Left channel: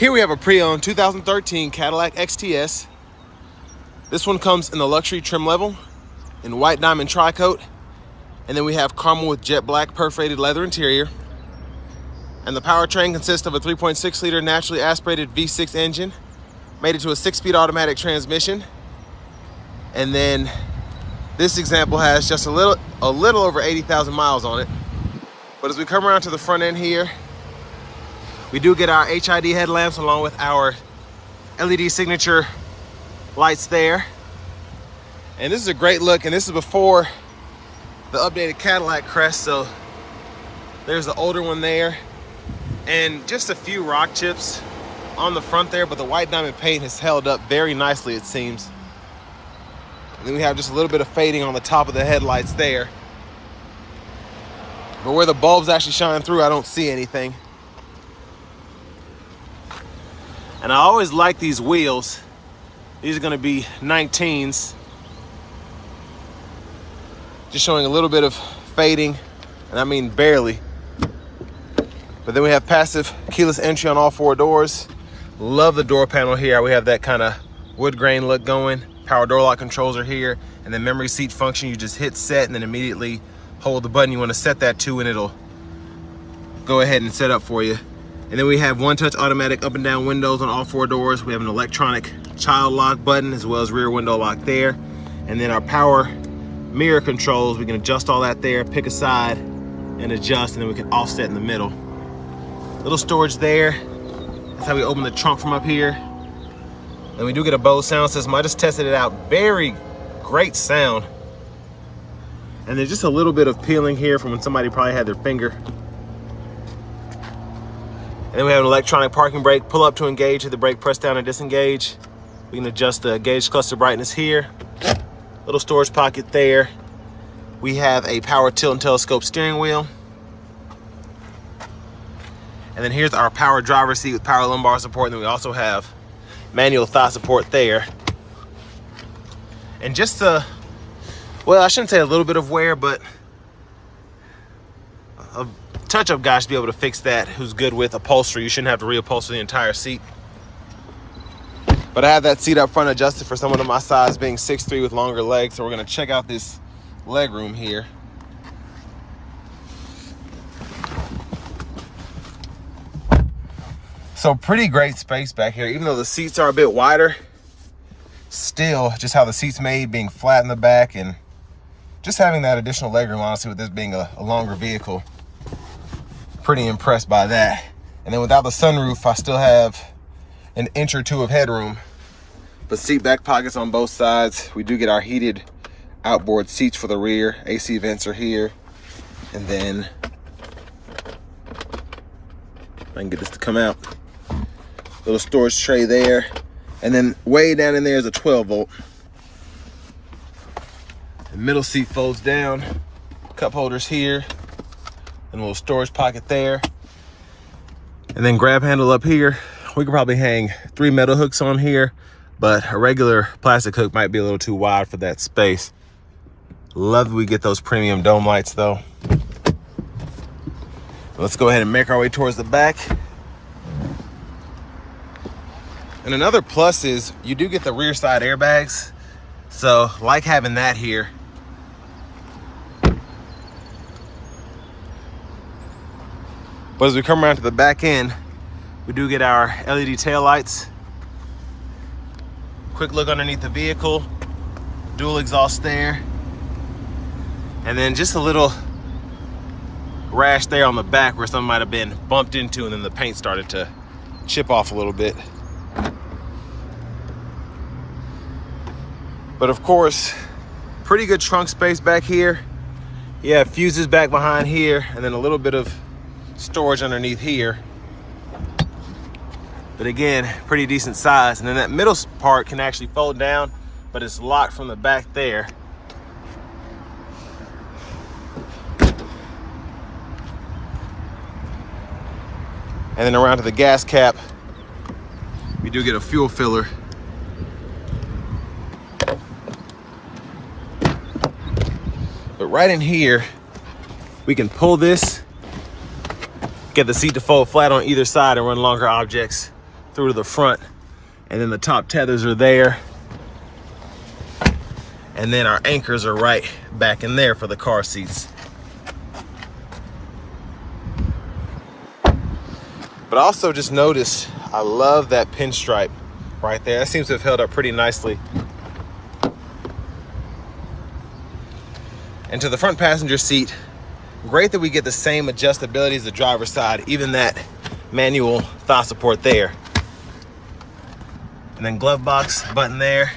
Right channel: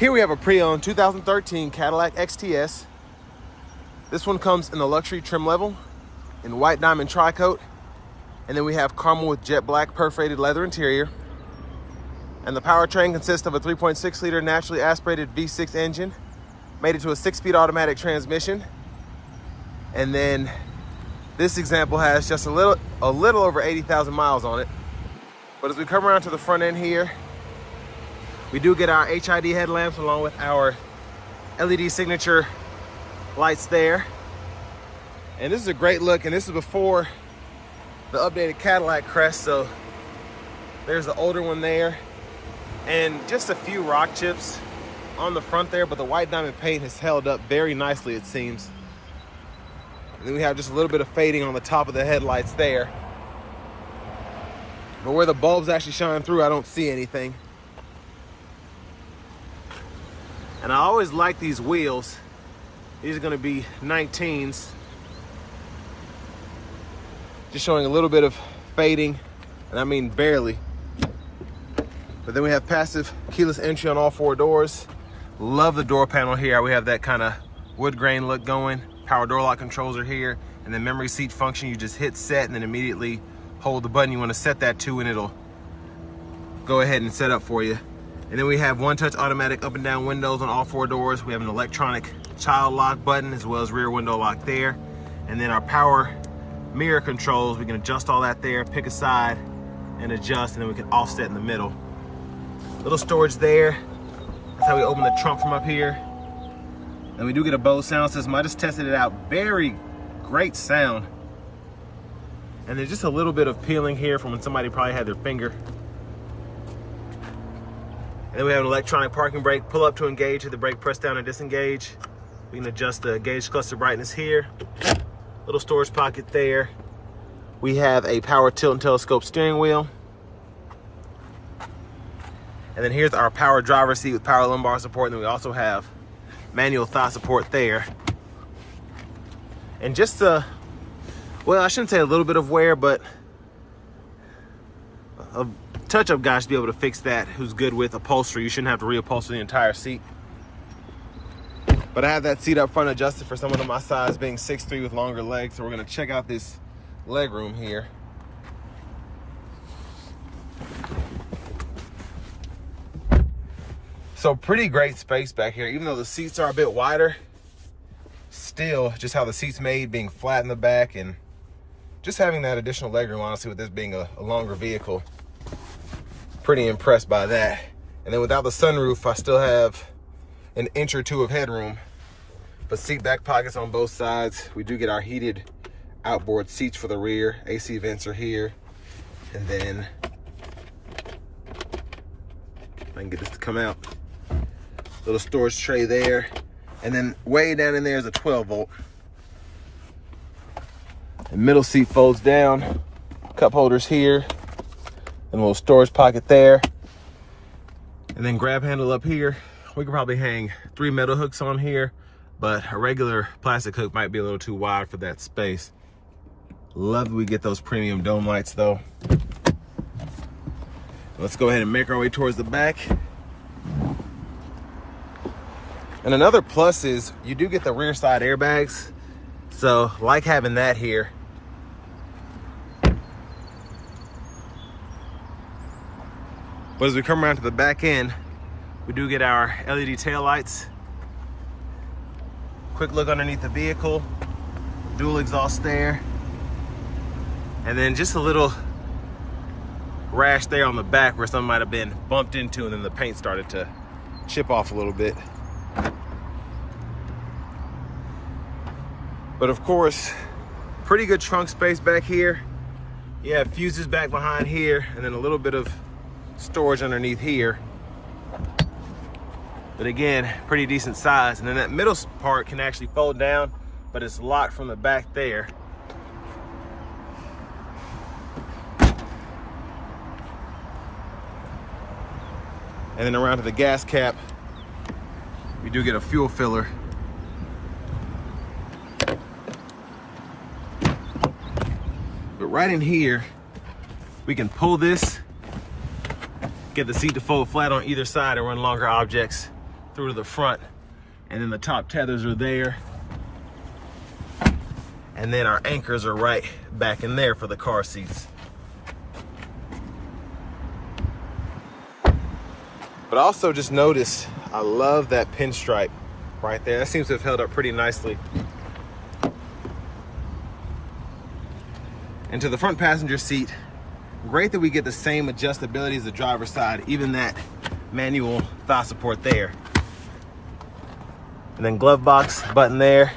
Here we have a pre-owned 2013 Cadillac XTS. This one comes in the luxury trim level in white diamond tri-coat. And then we have caramel with jet black perforated leather interior. And the powertrain consists of a 3.6 liter naturally aspirated V6 engine, made it to a 6-speed automatic transmission. And then this example has just a little over 80,000 miles on it. But as we come around to the front end here, we do get our HID headlamps along with our LED signature lights there. And this is a great look, and this is before the updated Cadillac crest, so there's the older one there. And just a few rock chips on the front there, but the white diamond paint has held up very nicely, it seems. And then we have just a little bit of fading on the top of the headlights there. But where the bulbs actually shine through, I don't see anything. And I always like these wheels. These are gonna be 19s. Just showing a little bit of fading, and I mean barely. But then we have passive keyless entry on all 4 doors. Love the door panel here. We have that kind of wood grain look going. Power door lock controls are here. And then memory seat function, you just hit set and then immediately hold the button you want to set that to, and it'll go ahead and set up for you. And then we have one-touch automatic up and down windows on all 4 doors. We have an electronic child lock button as well as rear window lock there. And then our power mirror controls, we can adjust all that there, pick a side and adjust, and then we can offset in the middle. Little storage there. That's how we open the trunk from up here. And we do get a Bose sound system. I just tested it out. Very great sound. And there's just a little bit of peeling here from when somebody probably had their finger. And then we have an electronic parking brake. Pull up to engage, hit the brake, press down and disengage. We can adjust the gauge cluster brightness here. Little storage pocket there. We have a power tilt and telescope steering wheel. And then here's our power driver seat with power lumbar support. And then we also have manual thigh support there. And just well, I shouldn't say a little bit of wear, but a touch-up guy should be able to fix that who's good with upholstery. You shouldn't have to reupholster the entire seat. But I have that seat up front adjusted for someone of my size, being 6'3" with longer legs. So we're gonna check out this leg room here. So pretty great space back here, even though the seats are a bit wider. Still, just how the seat's made, being flat in the back, and just having that additional legroom, honestly, with this being a longer vehicle. Pretty impressed by that. And then without the sunroof, I still have an inch or 2 of headroom. But seat back pockets on both sides. We do get our heated outboard seats for the rear. AC vents are here. And then, if I can get this to come out, little storage tray there. And then way down in there is a 12 volt. The middle seat folds down. Cup holders here. And a little storage pocket there. And then grab handle up here. We could probably hang 3 metal hooks on here, but a regular plastic hook might be a little too wide for that space. Love that we get those premium dome lights though. Let's go ahead and make our way towards the back. And another plus is you do get the rear side airbags. So like having that here. But as we come around to the back end, we do get our LED taillights. Quick look underneath the vehicle. Dual exhaust there. And then just a little rash there on the back where something might have been bumped into and then the paint started to chip off a little bit. But of course, pretty good trunk space back here. You have fuses back behind here and then a little bit of storage underneath here. But again, pretty decent size. And then that middle part can actually fold down, but it's locked from the back there. And then around to the gas cap, we do get a fuel filler. But right in here, we can pull this, get the seat to fold flat on either side and run longer objects through to the front. And then the top tethers are there. And then our anchors are right back in there for the car seats. But I also just noticed, I love that pinstripe right there. That seems to have held up pretty nicely. And to the front passenger seat, great that we get the same adjustability as the driver's side, even that manual thigh support there. And then glove box button there.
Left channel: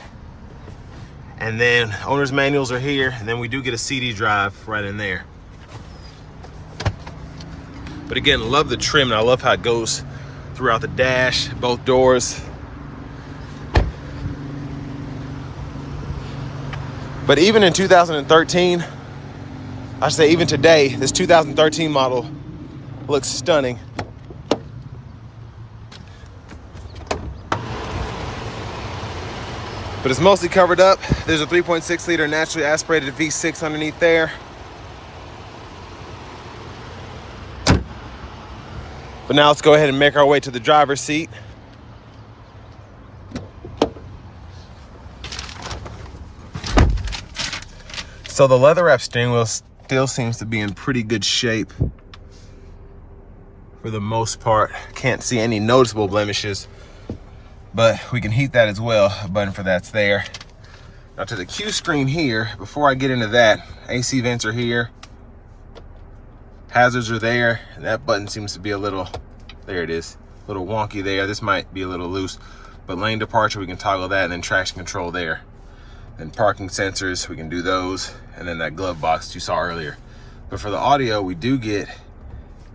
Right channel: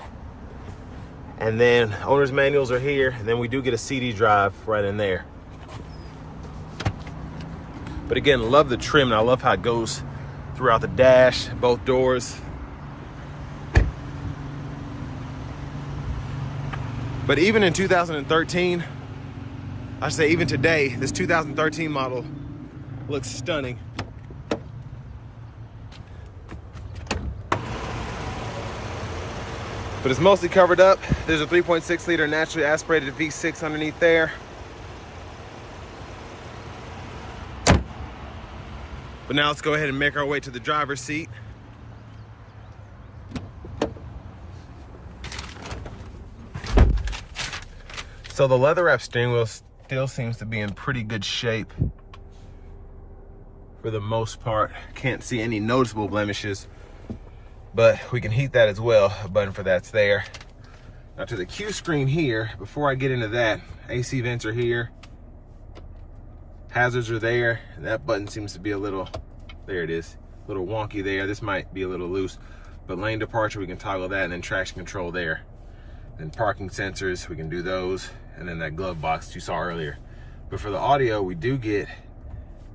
And then owner's manuals are here. And then we do get a CD drive right in there. But again, love the trim, and I love how it goes throughout the dash, both doors. But even in 2013, I should say even today, this 2013 model looks stunning. But it's mostly covered up. There's a 3.6 liter naturally aspirated V6 underneath there. But now let's go ahead and make our way to the driver's seat. So the leather wrap steering wheel still seems to be in pretty good shape for the most part. Can't see any noticeable blemishes, but we can heat that as well. A button for that's there. Now to the Q screen here, before I get into that, AC vents are here. Hazards are there, and that button seems to be a little, there it is, a little wonky there. This might be a little loose, but lane departure, we can toggle that, and then traction control there. And parking sensors, we can do those, and then that glove box you saw earlier. But for the audio, we do get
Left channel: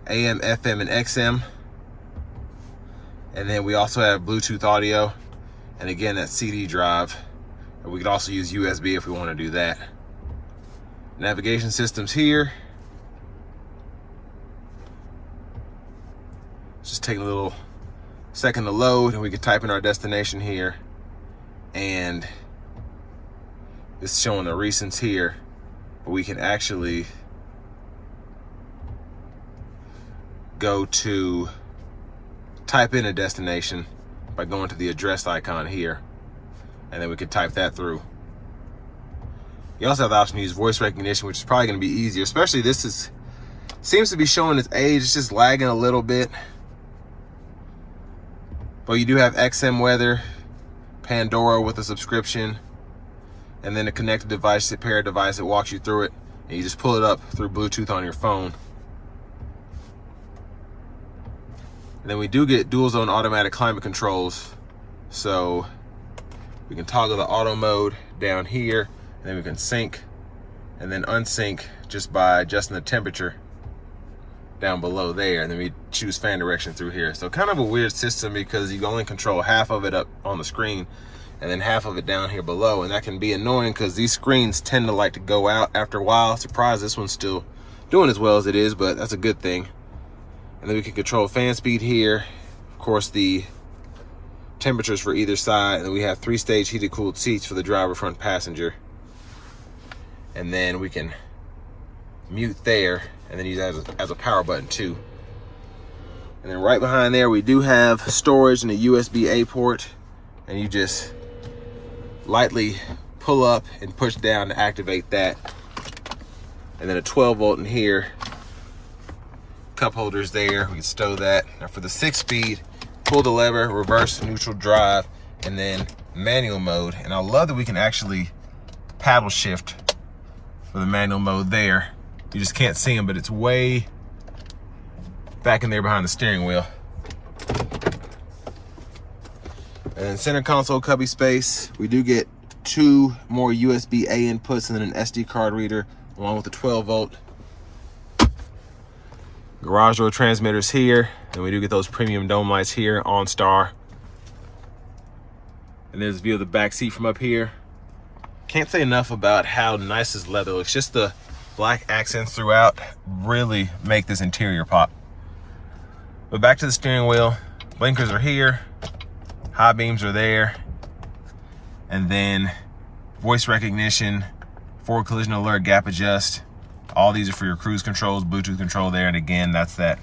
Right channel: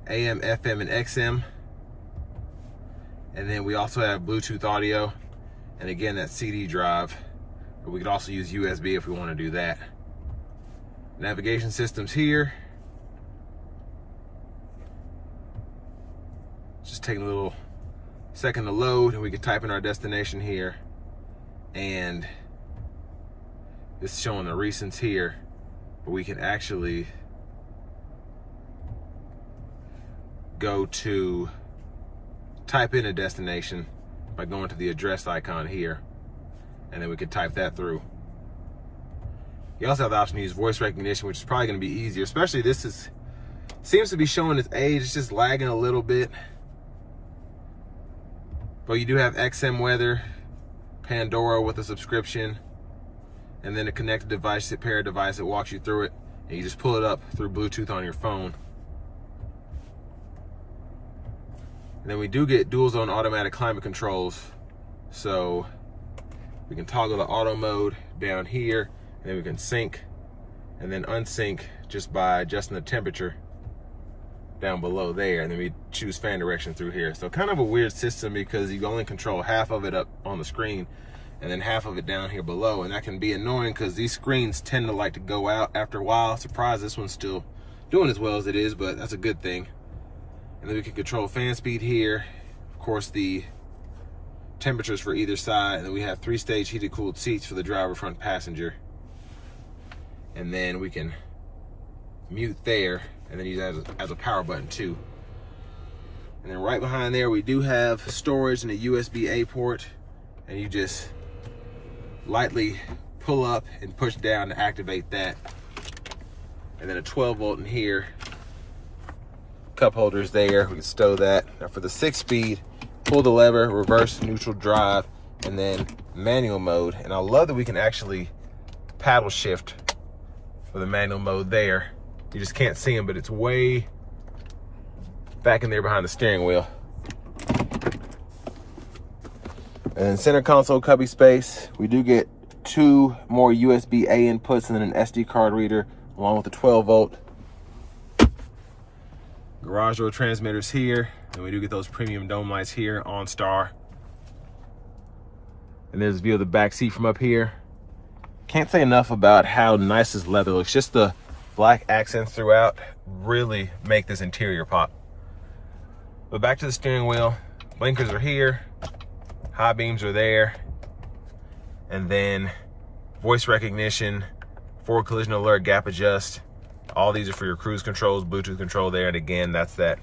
AM, FM, and XM. And then we also have Bluetooth audio, and again, that CD drive. And we could also use USB if we want to do that. Navigation systems here. Just taking a little second to load, and we can type in our destination here. And it's showing the recents here, but we can actually go to type in a destination by going to the address icon here, and then we could type that through. You also have the option to use voice recognition, which is probably going to be easier, especially this seems to be showing its age. It's just lagging a little bit. But you do have XM weather, Pandora with a subscription, and then a connected device, a paired device that walks you through it, and you just pull it up through Bluetooth on your phone. And then we do get dual zone automatic climate controls, so we can toggle the auto mode down here, and then we can sync and then unsync just by adjusting the temperature down below there, and then we choose fan direction through here. So kind of a weird system because you can only control half of it up on the screen and then half of it down here below, and that can be annoying because these screens tend to like to go out after a while. Surprised this one's still doing as well as it is, but that's a good thing. And then we can control fan speed here, of course the temperatures for either side, and then we have 3-stage heated cooled seats for the driver, front passenger. And then we can mute there, and then use that as a power button too. And then right behind there, we do have storage and a USB-A port, and you just lightly pull up and push down to activate that. And then a 12-volt in here, cup holders there, we can stow that. Now for the 6-speed, pull the lever, reverse, neutral, drive, and then manual mode. And I love that we can actually paddle shift for the manual mode there. You just can't see them, but it's way back in there behind the steering wheel. And in center console cubby space, we do get 2 more USB-A inputs and then an SD card reader, along with the 12-volt. Garage door transmitters here, and we do get those premium dome lights here, OnStar. And there's a view of the back seat from up here. Can't say enough about how nice this leather looks. Just the black accents throughout really make this interior pop. But back to the steering wheel, blinkers are here, high beams are there, and then voice recognition, forward collision alert, gap adjust. All these are for your cruise controls, Bluetooth control there, and again, that's that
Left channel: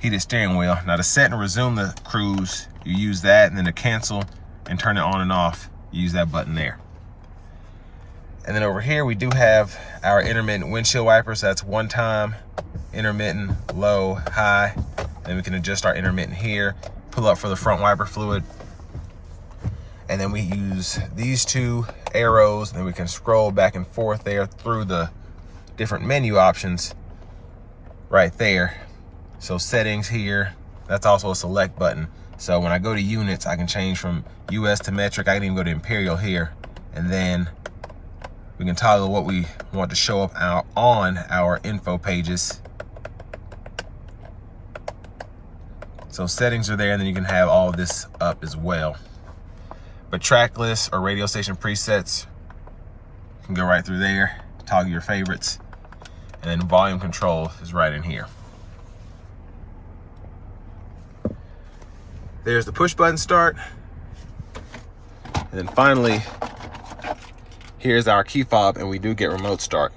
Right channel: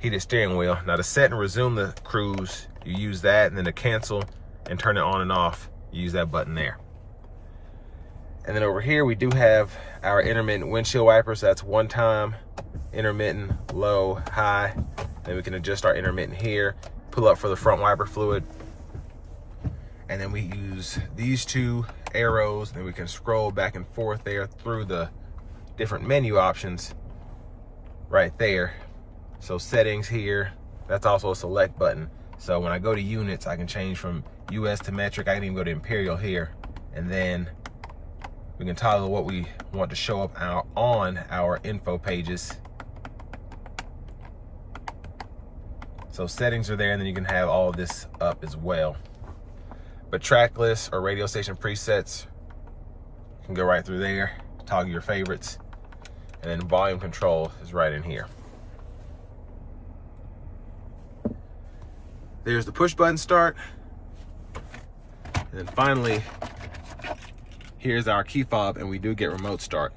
heated steering wheel. Now to set and resume the cruise, you use that, and then to cancel and turn it on and off, you use that button there. And then over here, we do have our intermittent windshield wipers. That's one time, intermittent, low, high. Then we can adjust our intermittent here, pull up for the front wiper fluid. And then we use these two arrows, and then we can scroll back and forth there through the different menu options right there. So settings here, that's also a select button. So when I go to units, I can change from US to metric. I can even go to imperial here, and then we can toggle what we want to show up on our info pages. So settings are there, and then you can have all of this up as well. But track lists or radio station presets, you can go right through there, toggle your favorites, and then volume control is right in here. There's the push button start. And then finally, here's our key fob, and we do get remote start.